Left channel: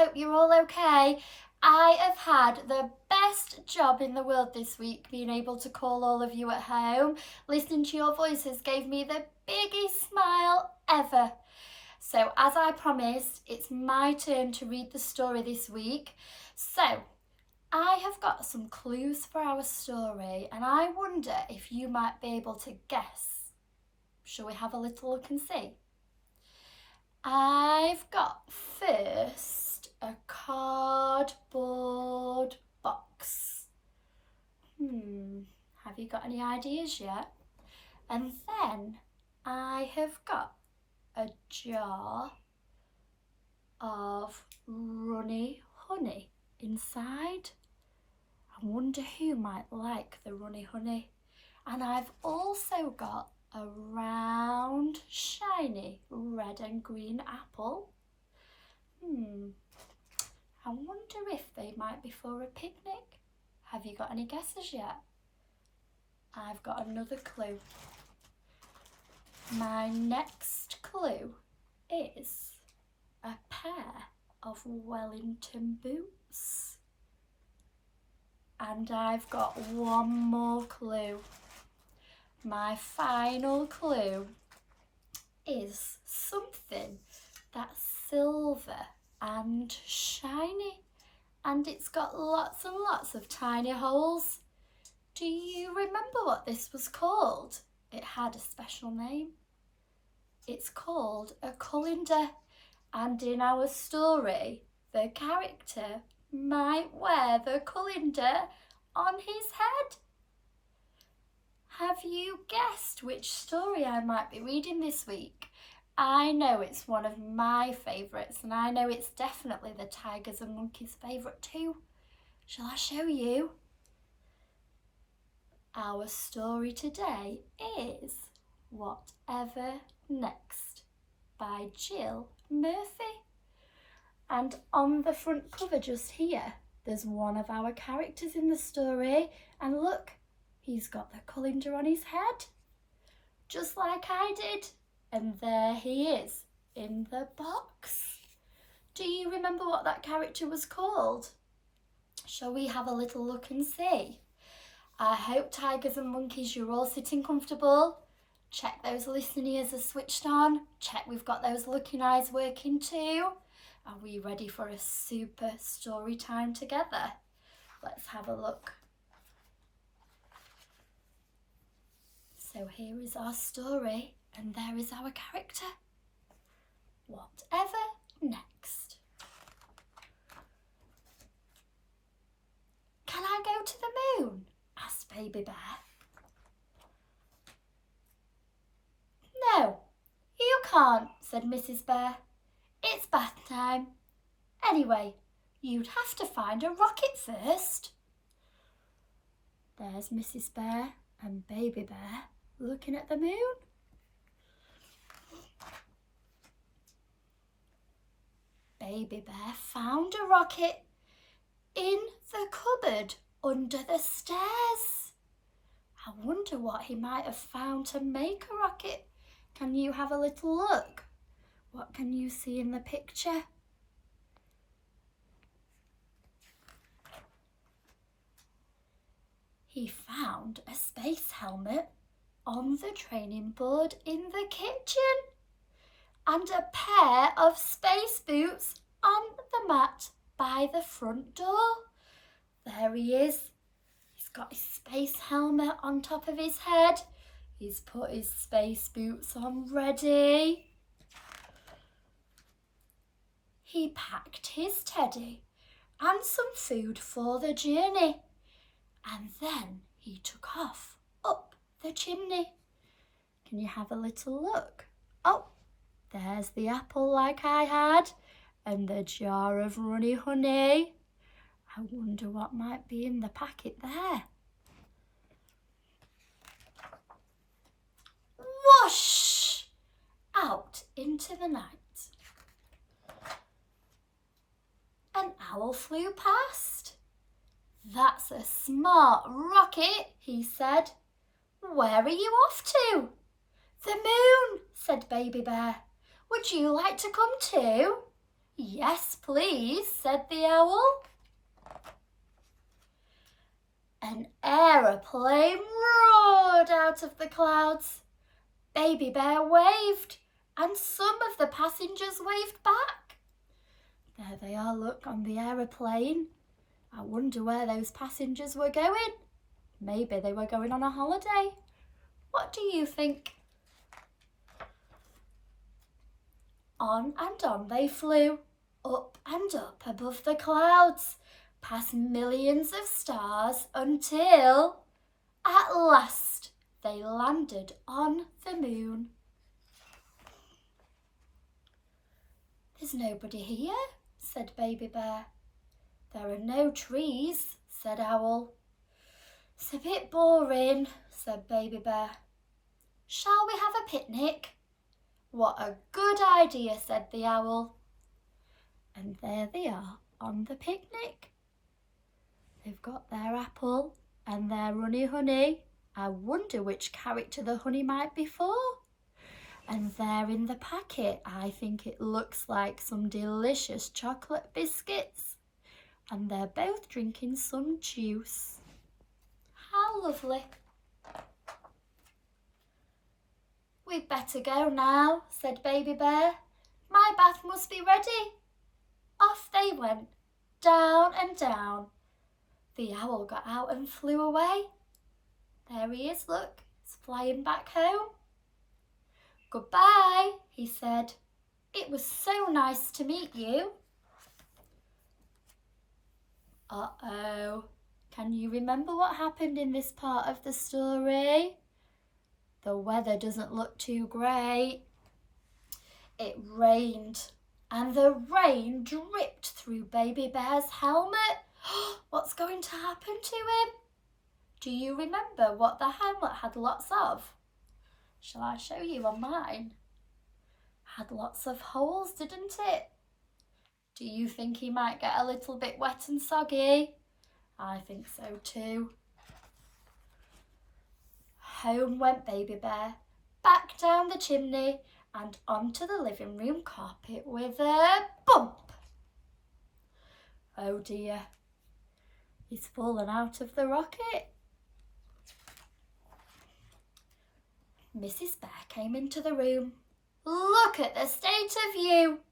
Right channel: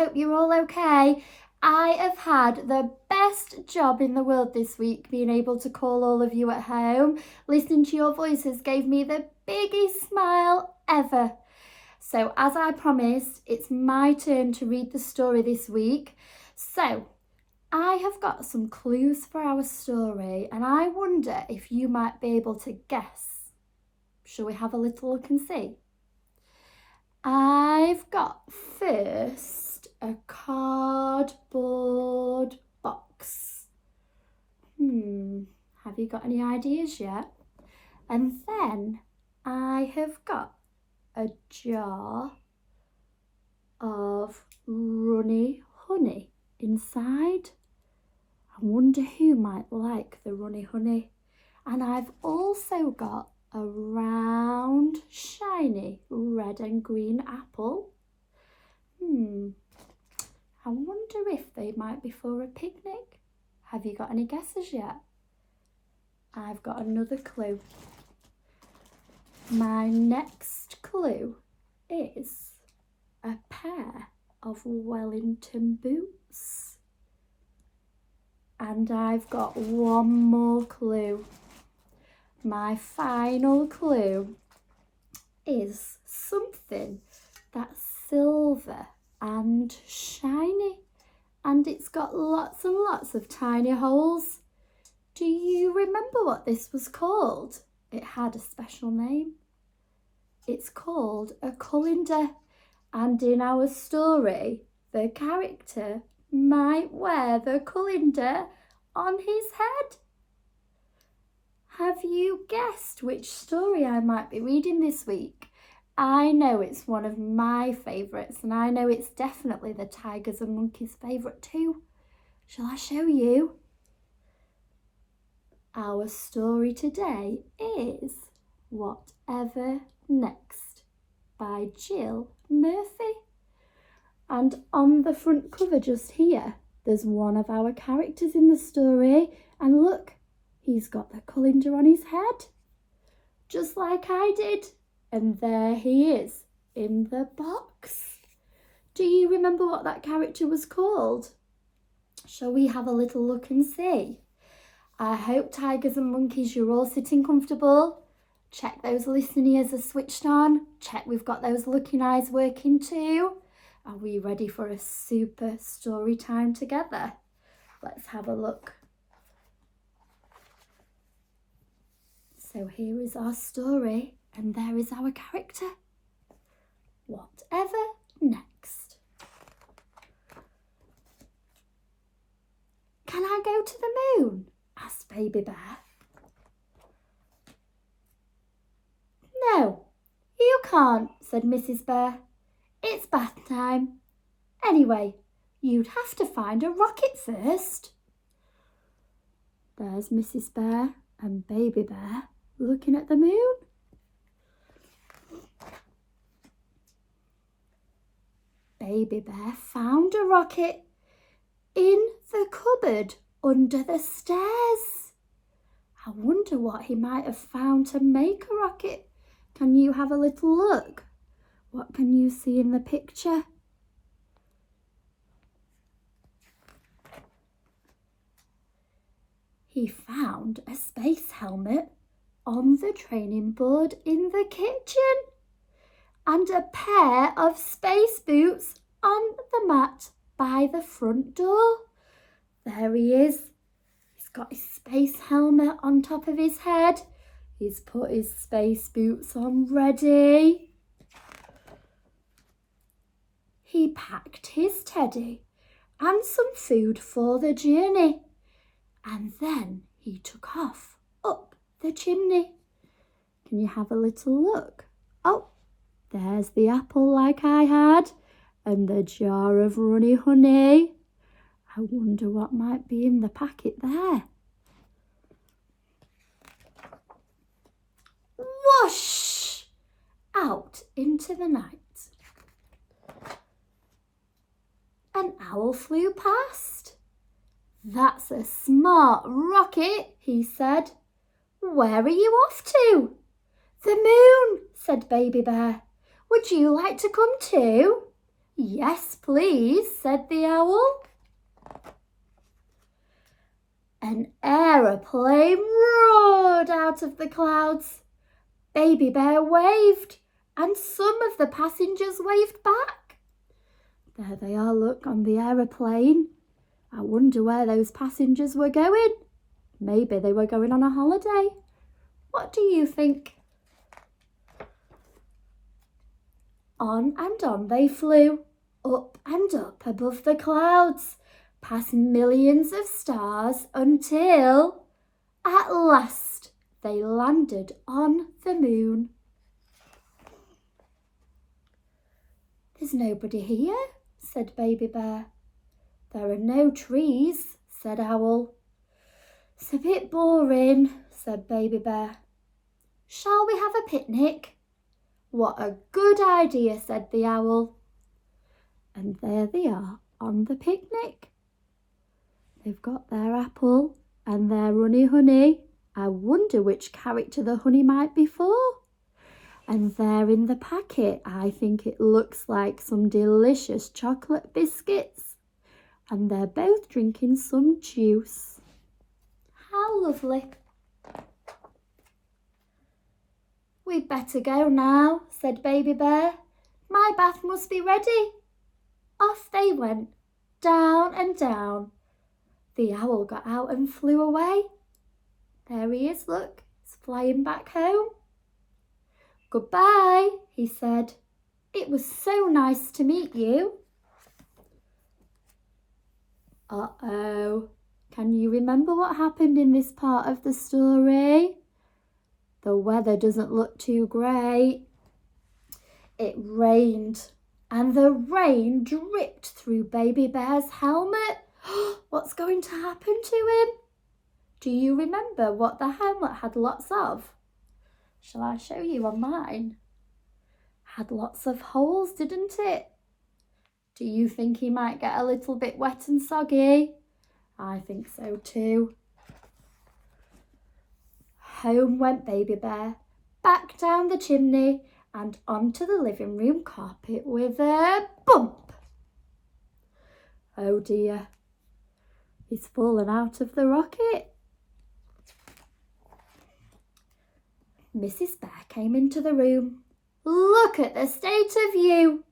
hope you're all okay. I have had the best job in the world this week, being able to call all of you at home. Listening to your voices gave me the biggest smile ever. So as I promised, it's my turn to read the story this week. So I have got some clues for our story and I wonder if you might be able to guess. Shall we have a little look and see? I've got first a cardboard box. Have you got any ideas yet? And then I have got a jar of runny honey inside. I wonder who might like the runny honey. And I've also got a round, shiny red and green apple. I wonder if they might be for a picnic. Have you got any guesses yet? I've got another clue. My next clue is a pair of Wellington boots. And I've got one more clue. My final clue is something that's silver and shiny, and it's got lots and lots of tiny holes. Do you remember what this was called? It had a special name. It's called a colander, and in our story, the character might wear the colander on his head. Have you guessed which story I might be reading this week? I know it's one of my favourites, and I know it's definitely the Tigers and Monkeys' favourite too. Shall I show you? Our story today is Whatever Next by Jill Murphy. And on the front cover just here, there's one of our characters in the story, and look, he's got the colander on his head, just like I did. And there he is in the box. Do you remember what that character was called? Shall we have a little look and see? I hope, Tigers and Monkeys, you're all sitting comfortable. Check those listening ears are switched on. Check we've got those looking eyes working too. Are we ready for a super story time together? Let's have a look. So here is our story, and there is our character. Whatever next? Can I go to the moon? Asked Baby Bear. No, you can't, said Mrs. Bear. It's bath time. Anyway, you'd have to find a rocket first. There's Mrs. Bear and Baby Bear looking at the moon. Baby Bear found a rocket in the cupboard under the stairs. I wonder what he might have found to make a rocket. Can you have a little look? What can you see in the picture? He found a space helmet on the training board in the kitchen and a pair of space boots on the mat by the front door. There he is. He's got his space helmet on top of his head. He's put his space boots on ready. He packed his teddy and some food for the journey. And then he took off up the chimney. Can you have a little look? Oh, there's the apple like I had, and the jar of runny honey. I wonder what might be in the packet there. Whoosh! Out into the night. An owl flew past. That's a smart rocket, he said. Where are you off to? The moon, said Baby Bear. Would you like to come too? "Yes, please," said the owl. An aeroplane roared out of the clouds. Baby Bear waved, and some of the passengers waved back. There they are, look, on the aeroplane. I wonder where those passengers were going. Maybe they were going on a holiday. What do you think? On and on they flew, up and up above the clouds, past millions of stars, until, at last, they landed on the moon. "There's nobody here," said Baby Bear. "There are no trees," said Owl. "It's a bit boring," said Baby Bear. "Shall we have a picnic?" "What a good idea," said the Owl. And there they are on the picnic. They've got their apple and their honey. I wonder which character the honey might be for. And there in the packet, I think it looks like some delicious chocolate biscuits. And they're both drinking some juice. How lovely. "We'd better go now," said Baby Bear. "My bath must be ready." Off they went, down and down. The owl got out and flew away. There he is, look, he's flying back home. "Goodbye," he said. "It was so nice to meet you." Uh-oh, can you remember what happened in this part of the story? The weather doesn't look too great. It rained, and the rain dripped through Baby Bear's helmet. What's going to happen to him? Do you remember what the helmet had lots of? Shall I show you on mine? Had lots of holes, didn't it? Do you think he might get a little bit wet and soggy? I think so too. Home went Baby Bear, back down the chimney and onto the living room carpet with a bump. Oh dear, he's fallen out of the rocket. Mrs. Bear came into the room. "Look at the state of you,"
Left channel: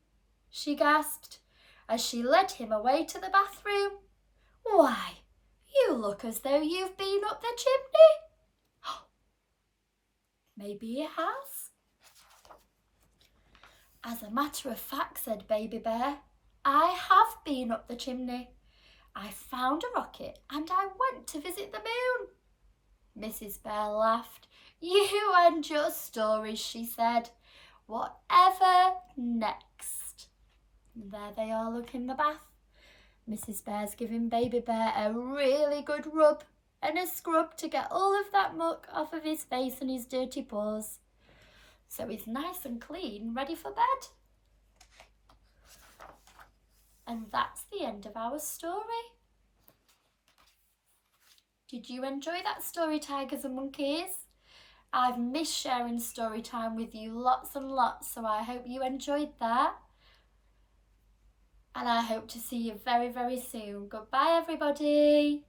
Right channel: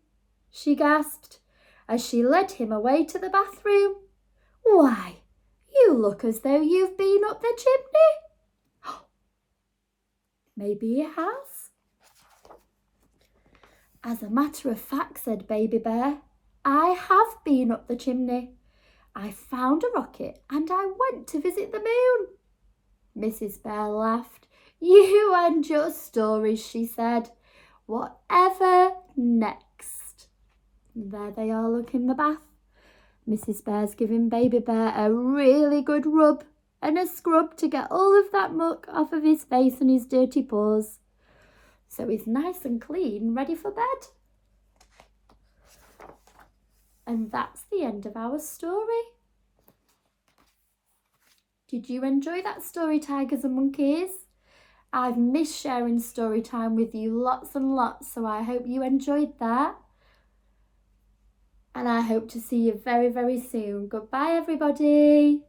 she gasped as she led him away to the bathroom. "Why, you look as though you've been up the chimney." Maybe he has. "As a matter of fact," said Baby Bear, "I have been up the chimney. I found a rocket and I went to visit the moon." Mrs. Bear laughed. "You and your stories," she said. "Whatever next?" There they are, look, in the bath. Mrs. Bear's giving Baby Bear a really good rub and a scrub to get all of that muck off of his face and his dirty paws. So he's nice and clean, ready for bed. And that's the end of our story. Did you enjoy that story, Tigers and Monkeys? I've missed sharing story time with you lots and lots, so I hope you enjoyed that. And I hope to see you very, very soon. Goodbye, everybody.